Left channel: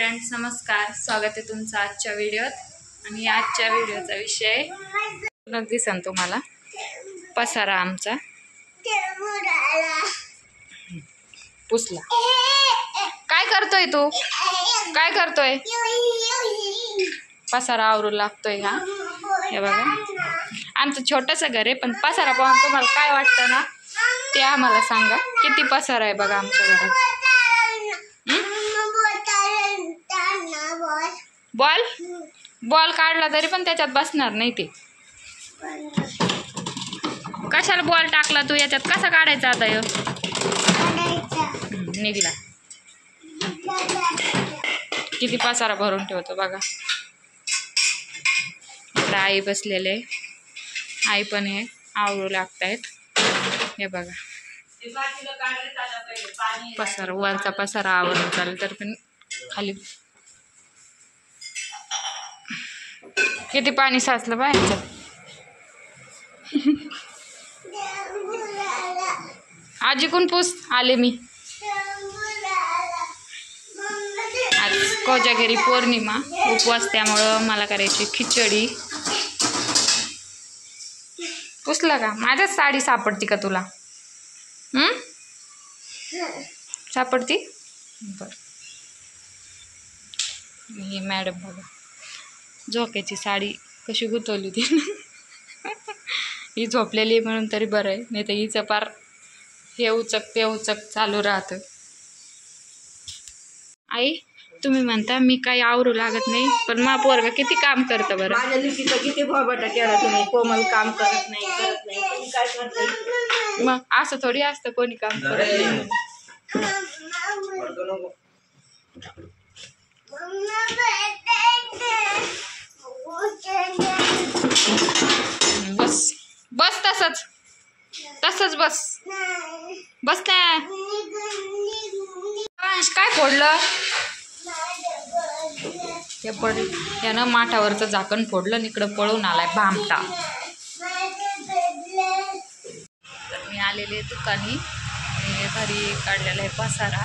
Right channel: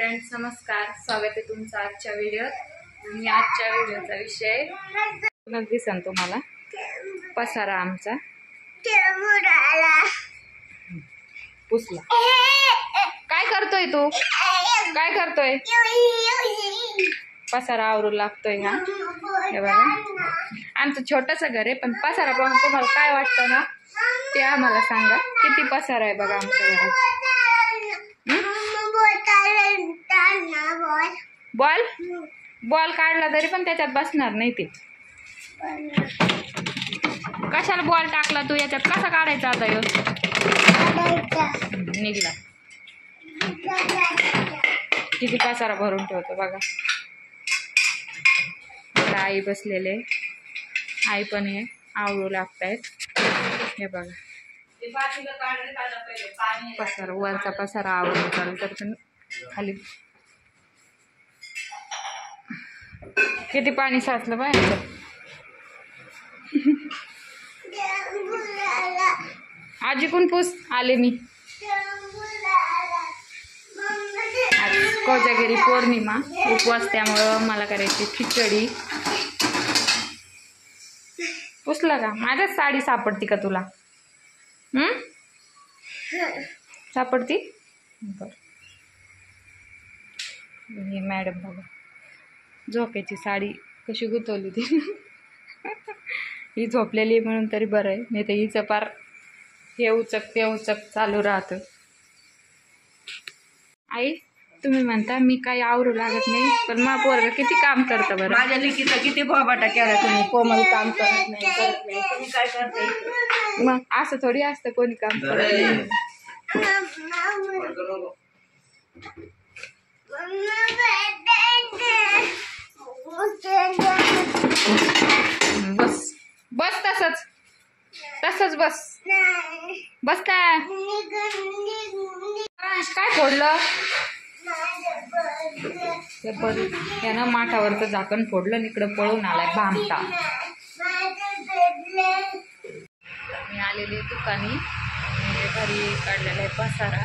Friends, नमस्कार. स्वागत आहे तुमचं आजच्या व्हिडिओत. आणि आजच्या व्हिडिओचा विषय दिसन तुम्हाला पसारा आमचा पुसला. काय करतोय तू? काय करतोय? पसारा आवरू लागतोय. हा हे बघा, आमचं छोटंसं घर आहे, पण पसारा पाहून तुम्हाला काय वाटतं ना ते आम्हाला सांगा. किती पसारा आहे बघा आमच्या घरात. बॉल बॉल काढला तरी पण त्याच्यात बसणार नाही. ते कशाला बॉल टाकला तू याच्यात? कसा काढायचा आता? ह्यो निघला. किती पसारा भरून ठेवतो बघा. आता आई बसलेले, आई पण हे आवरू लागतायत. हे बघा पसारा, वरचा पसारा आवरून चालेल तर पण खाली किती पाणी साचलं बाहेर. आजी कोण पूस आले मी. आज कोजागिरी पौर्णिमा, उपवास, त्यामुळं मला करायची खिचडी. पुसला का? माझ्याच साडी सापडती का तुला? सापडती? बरं. ही मॅडम बघा, झोक्याची साडी कशी गुंतवली होती. ही झोपलेली आहे म्हणून तरी बरं आहे, नाही तर हिचं पार हे उचक ते उचक चालू राहतं. आई, तुम्ही म्हणता मी काही आवरू लागत नाही, पण मा पोरगा किती काम करतं बरं. माझ्या लिखीचं किती भाबाटा केला तुम्ही. कोमल काम करत नाही, करत नाही. तुम्ही काय करता? मग असं थोडी असतं कोणी काम करत नाही. बस बस, तसंच तसंच बस बस ना. काय फोडलं? ते यानं माठावरचं झाकण फोडलं, इकडं पळून आलाय भामटा. मी आलेले दुकानी, घरी काढलेला आहे पसारा,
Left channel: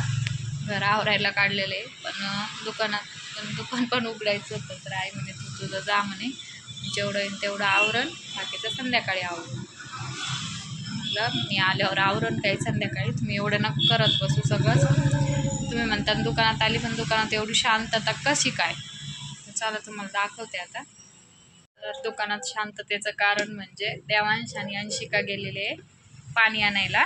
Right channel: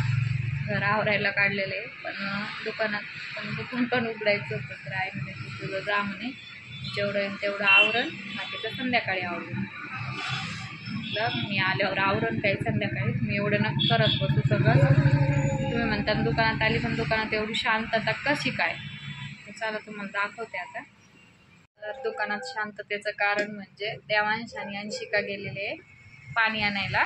घर आवरायला काढलेलं आहे. पण दुकान पण उघडायचं होतं, तर आई म्हणे तू तुझं जा म्हणे, जेवढं येईल तेवढं आवरण, बाकीचं संध्याकाळी आवरून. म्हटलं मी आल्यावर आवरण काही संध्याकाळी, तुम्ही एवढं न करत बसू सगळंच. तुम्ही म्हणता दुकानात आली, पण दुकानात एवढी शांतता कशी काय? चला तुम्हाला दाखवते आता. तर दुकानात शांततेचं कारण म्हणजे देवांश आणि अंशिका गेलेले पाणी आणायला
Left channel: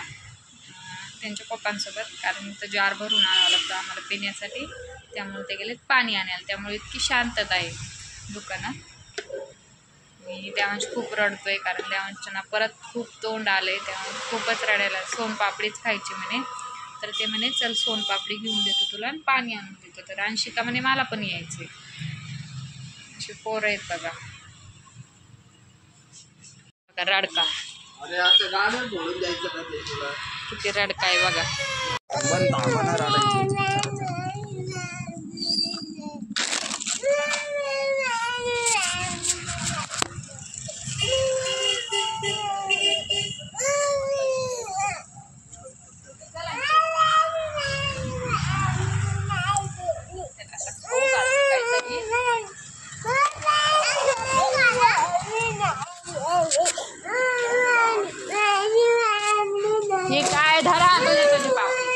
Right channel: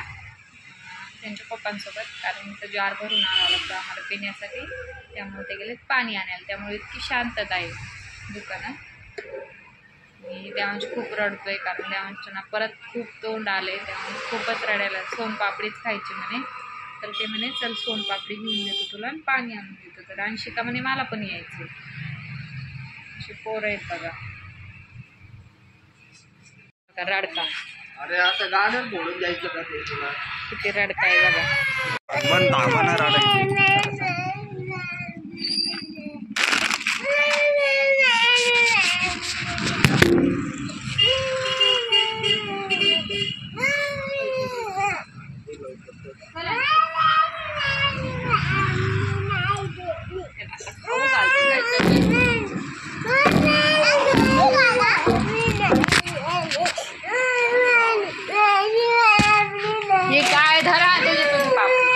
त्यांच्या पप्पांसोबत, कारण इथं जार भरून आणावं लागतं आम्हाला पिण्यासाठी, त्यामुळे ते गेलेत पाणी आणायला. त्यामुळे इतकी शांतता आहे दुकानात. मी देवांश खूप रडतोय, कारण देवांशना परत खूप तोंड आले, त्यामुळे खूपच रडायला. सोनपापडीच खायची म्हणे, तर ते म्हणे चल सोनपापडी घेऊन देतो तुला आणि पाणी आणून देतो. तर अंशिका म्हणे मला पण यायचं. अशी पोरं आहेत बघा. रडका. अरे आता गाणं बोलून जायचं का ते तुला? किती रडका आहे बघा. हे काय धरा तुझी पापडी.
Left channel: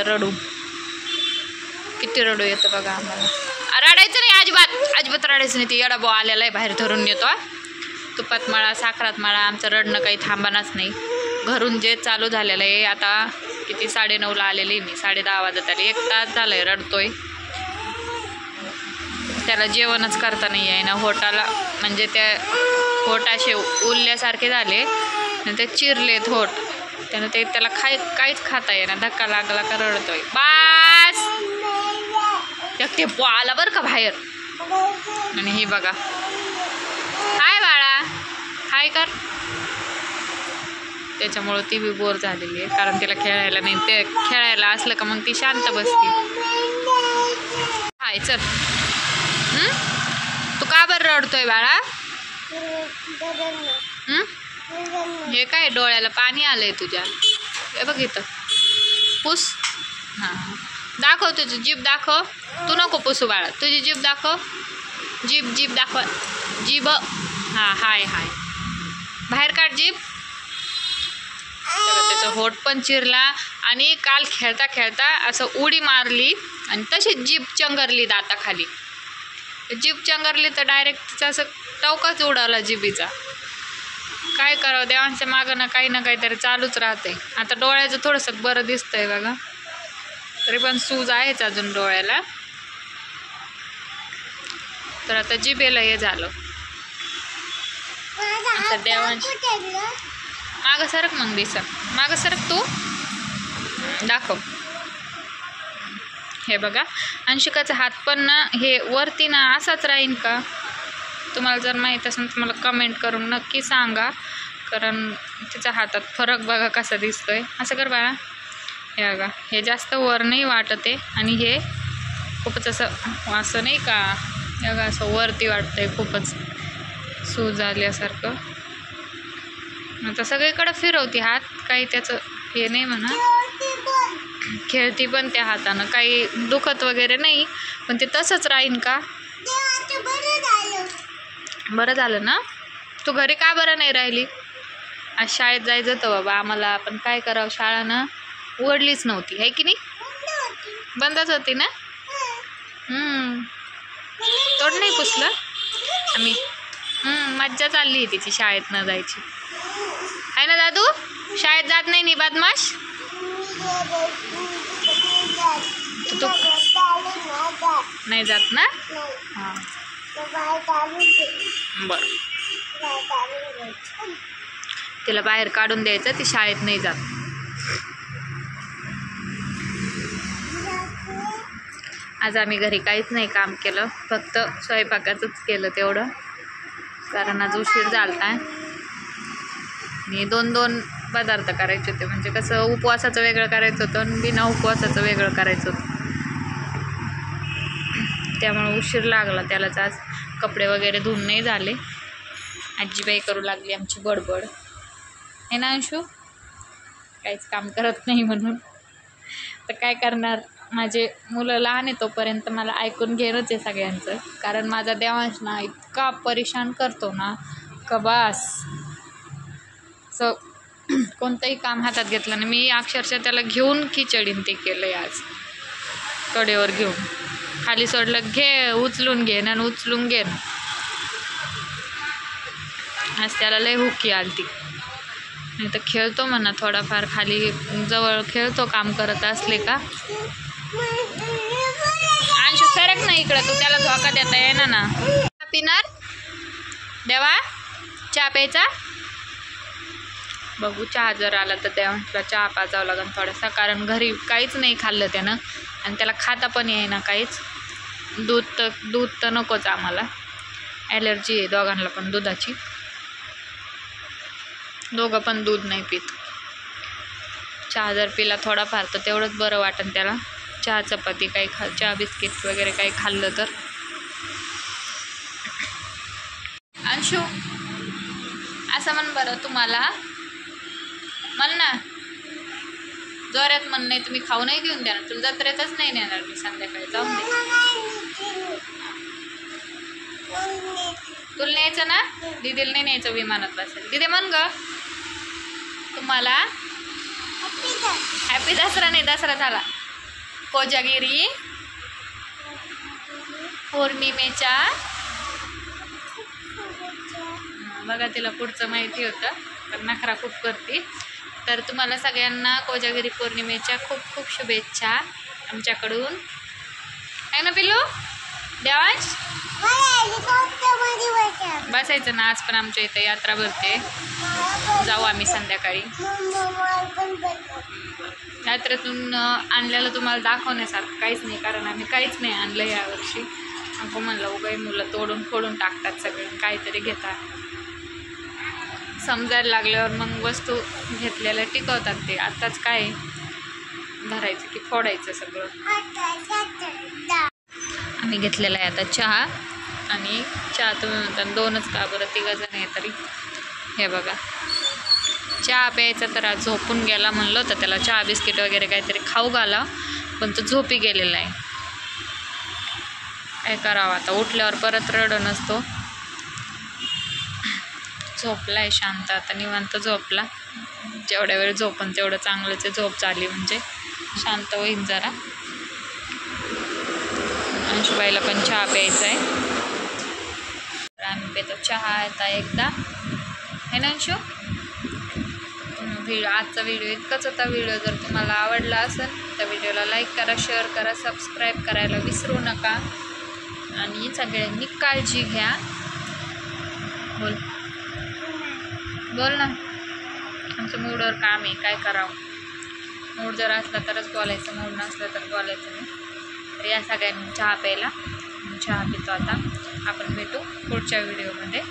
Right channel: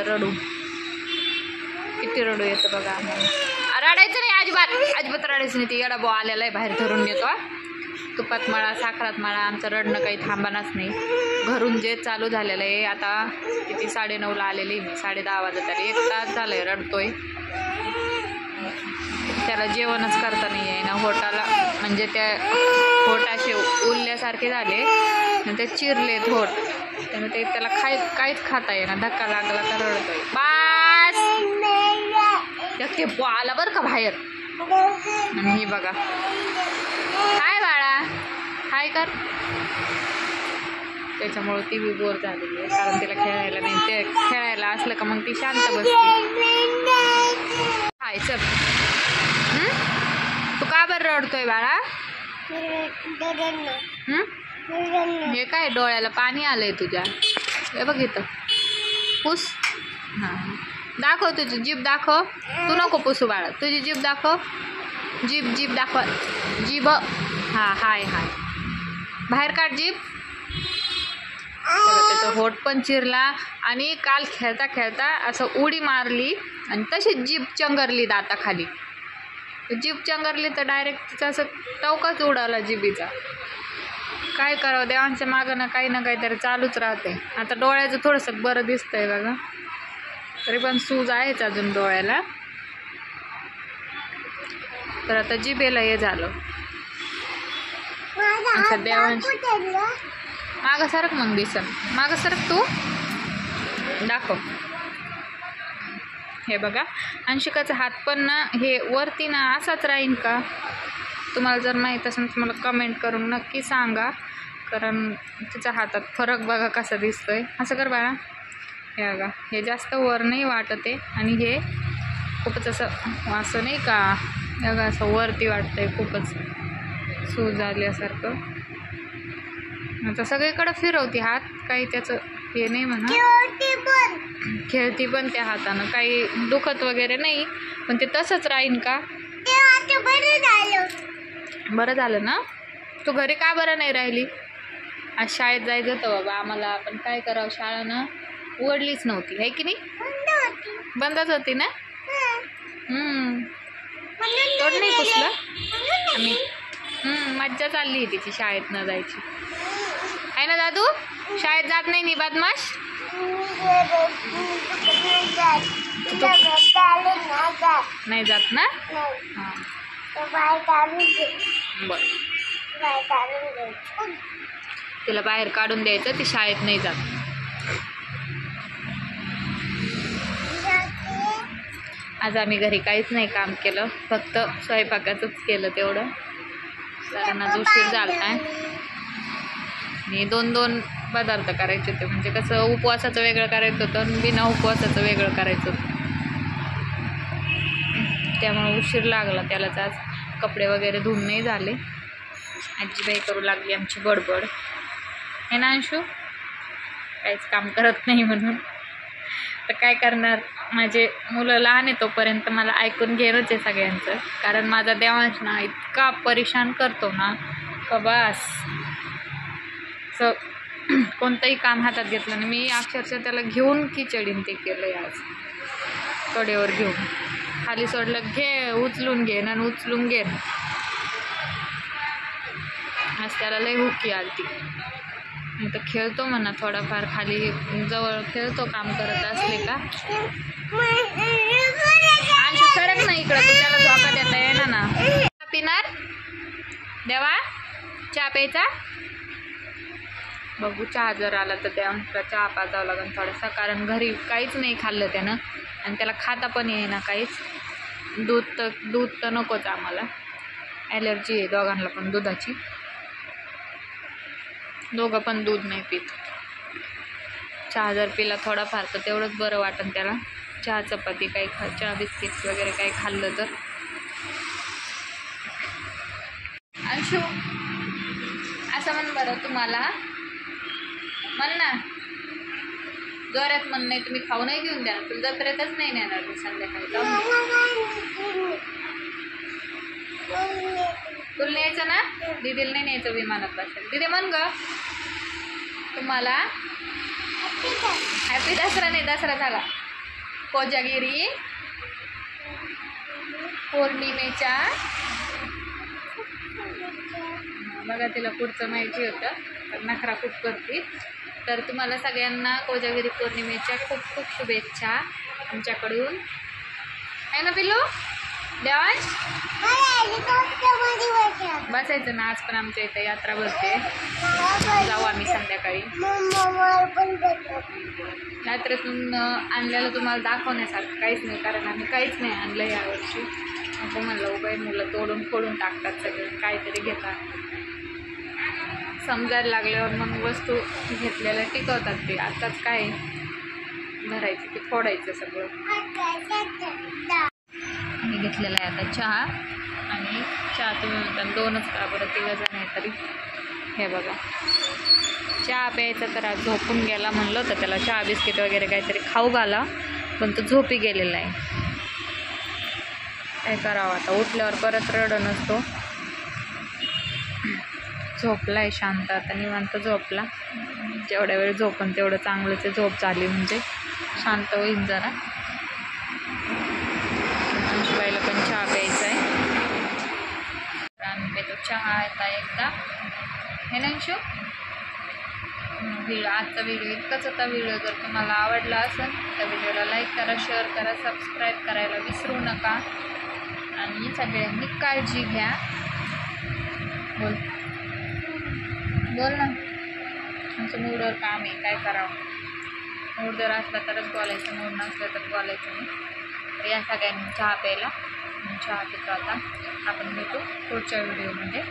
आमचं रडू. किती रडू येतं बघा आम्हाला. रडायचं नाही अजिबात, अजिबात रडायचं नाही. ती येडा बो आलेला आहे बाहेर धरून येतो. तुपात मळा साखरात मळा, आमचं रडणं काही थांबणारच नाही. घरून जे चालू झालेलं आहे. आता किती 9:30ला आलेली मी, 10:30 वाजत आले. 1 तास झालं आहे रडतोय. त्याला जेवणच करता नाही आहे ना होटाला, म्हणजे त्या होट असे उरल्यासारखे झाले आणि ते चिरलेत होट. त्यानं ते त्याला काहीच खाता येईना. धक्का लागला का रडतोय. बास ते आला बरं का बाहेर. आणि हे बघा, हाय बाळा, हाय कर. त्याच्यामुळं ती बी बोर झालेली आहे, कारण तिला खेळायला नाही. ते खेळायला असलं का मग ती शांत बसते. हाय चल. तू का बरं रडतोय बाळा? हे काय डोळ्याला पाणी आलंय तुझ्या. हे बघ इथं पुस. हां दाखव तुझी जीभ दाखव. तू नको पुसू बाळा, तुझी जीभ दाखव. जीभ दाखव. जीभ. हां हाय हाय. बाहेर काढ जीभ. त्याचं होठ पण चिरला. आणि काल खेळता खेळता असं उडी मारली आणि तशीच जीभ चंगरली दाताखाली. जीभ चंगरली तर डायरेक्ट तिचा असं टवकाच उडाला जिभीचा. काय करावं, देवांच्या मागं ना काहीतरी चालूच राहते. आता डोळ्याचं थोडंसं बरं दिसतंय बघा, तरी पण सूज आहेच अजून डोळ्याला. तर आता जिभेला हे झालं. आता देवांश मागं सरक मग दिसन. मागं सरक तू. दाखव. हे बघा अंशिकाचा हात पण ना हे वरती ना असाच राहीन का? तुम्हाला जर माहीत असेल तर मला कमेंट करून नक्की सांगा, कारण तिच्या हातात फरक बघा कसा दिसतोय. असं कर बाळा. हे बघा, हे जास्त वर नाही वाटत आहे आणि हे खूपच असं नाही का, हे बघा असं वरती वाटतंय खूपच सूज आल्यासारखं. आता सगळीकडे फिरवती हात, काही त्याचं हे नाही म्हणा. खेळती पण त्या हातानं, काही दुखत वगैरे नाही, पण ते तसंच राहीन का? बरं झालं ना. तू घरी का बरं नाही राहिली? आज शाळेत जायचं होतं बाबा आम्हाला, पण काय करावं, शाळानं उघडलीच नव्हती आहे की नाही. बंदच होती ना. तोड नाही पुसलं आम्ही. मज्जा चालली आहे तिची शाळेत न जायची आहे ना दादू. शाळेत जात नाही बदमाश. तू नाही जात ना. हां बरं, तिला बाहेर काढून द्यायचं, ती शाळेत नाही जात. आज आम्ही घरी काहीच नाही काम केलं, फक्त स्वयंपाकाचंच केलं तेवढं, कारण आज उशीर झाला आहे. आणि 2 पदार्थ करायचे होते, म्हणजे कसं उपवासाचं वेगळं करायचं होतं आणि बिना उपवासाचं वेगळं करायचं होतं. त्यामुळे उशीर लागला त्यालाच. आज कपडे वगैरे धुवून नाही झाले. आजीबाई करू लागली आमची बडबड. हे ना अंशू, काहीच काम करत नाही म्हणून. तर काय करणार, माझे मुलं लहान आहे तोपर्यंत मला ऐकून घेणंच आहे सगळ्यांचं, कारण माझा देवांश ना इतका परेशान करतो ना का बस. असं कोणतंही काम हातात घेतलं नाही. मी अक्षरशः त्याला घेऊन खिचडीन ते केलं आहे आज. कडेवर घेऊन खाली सोडलं, घे उचलून घेन आणि उचलून घेन. आज त्याला लय हुकी आलती. नाही तर खेळतो म्हणा थोडाफार, खाली जवळ खेळतो काम करत असले का. अंशू सरक ना इकडं, तू त्याला धोका देता येणार ना. पिणार देवा, चहा प्यायचा. बघू चहा जर आला तर देवांशला चहा पाजावं लागेल थोडासा, कारण घरी काहीच नाही खाल्लं त्यानं आणि त्याला खाता पण येईना काहीच. दूध तर नकोच आम्हाला, ॲलर्जी आहे दोघांना पण दुधाची. दोघं पण दूध नाही पित. चहा जर पिला थोडाफार तर तेवढंच बरं वाटेल त्याला. चहा चपाती काही चहा बिस्किट वगैरे काही खाल्लं तर. अंशू असं म्हण बरं तुम्हाला, म्हण ना जोरात, म्हण. नाही तुम्ही खाऊ नाही घेऊन द्या ना, तुला जत्रेतच नाही नेणार मी संध्याकाळी. जाऊन दे, तुला न्यायचं ना, दिदीला नाही न्यायचं विमानात बसायला. दिदी म्हण ग तुम्हाला हॅपी दसरा. नाही दसरा झाला, कोजागिरी पौर्णिमेच्या बघा तिला पुढचं माहिती होतं पण नखरा खूप करते. तर तुम्हाला सगळ्यांना कोजागिरी पौर्णिमेच्या खूप खूप शुभेच्छा आमच्याकडून. आहे ना पिल्लू? देवांश बसायचं ना. आज पण आमच्या इथे यात्रा भरते, जाऊ आम्ही संध्याकाळी. यात्रेतून आणलेलं तुम्हाला दाखवण्यासारखं काहीच नाही, कारण आम्ही काहीच नाही आणलं यावर्षी. नको म्हणलं उगाच मुलं तोडून फोडून टाकतात सगळं, काहीतरी घेतात. समजायला लागल्यावर मग वस्तू घेतलेल्या टिकवतात ते. आताच काय धरायचं की फोडायचं सगळं. आम्ही घेतलेला आहे आता चहा. आणि चहा तुम्ही म्हणता दोनच का बरं, तिघं जण आहे तरी. हे बघा चहा प्यायचा तर आज झोपून गेला. म्हणलं होतं त्याला चहा बिस्किट वगैरे काहीतरी खाऊ घाला, पण तो झोपी गेलेला आहे. काय करावं आता, उठल्यावर परत रडत नसतो. झोपला आहे शांत आता, निवांत झोपला. जेवढ्या वेळ झोपन तेवढं चांगलंच आहे. झोप झाली म्हणजे शांत होईल जरा. अंशुबाईला पण चहा प्यायचा आहे, तर आम्ही पितो चहा आता एकदा. हे ना अंशू? आजचा व्हिडिओ इतकाच होता. व्हिडिओ जर तुम्हाला आवडला असेल तर व्हिडिओला लाईक करा, शेअर करा, सबस्क्राईब करायला विसरू नका. आणि सगळ्यांनी काळजी घ्या. बोल बोल ना. आमचं मूडवर काम आहे, काय करावं. मूड जर असला तरच बोलायचं, मूड नसलं तर बोलायचं नाही. तर या सगळ्यांनी चहा प्यायला. चहा पितो आता. आपण भेटू पुढच्या व्हिडिओमध्ये.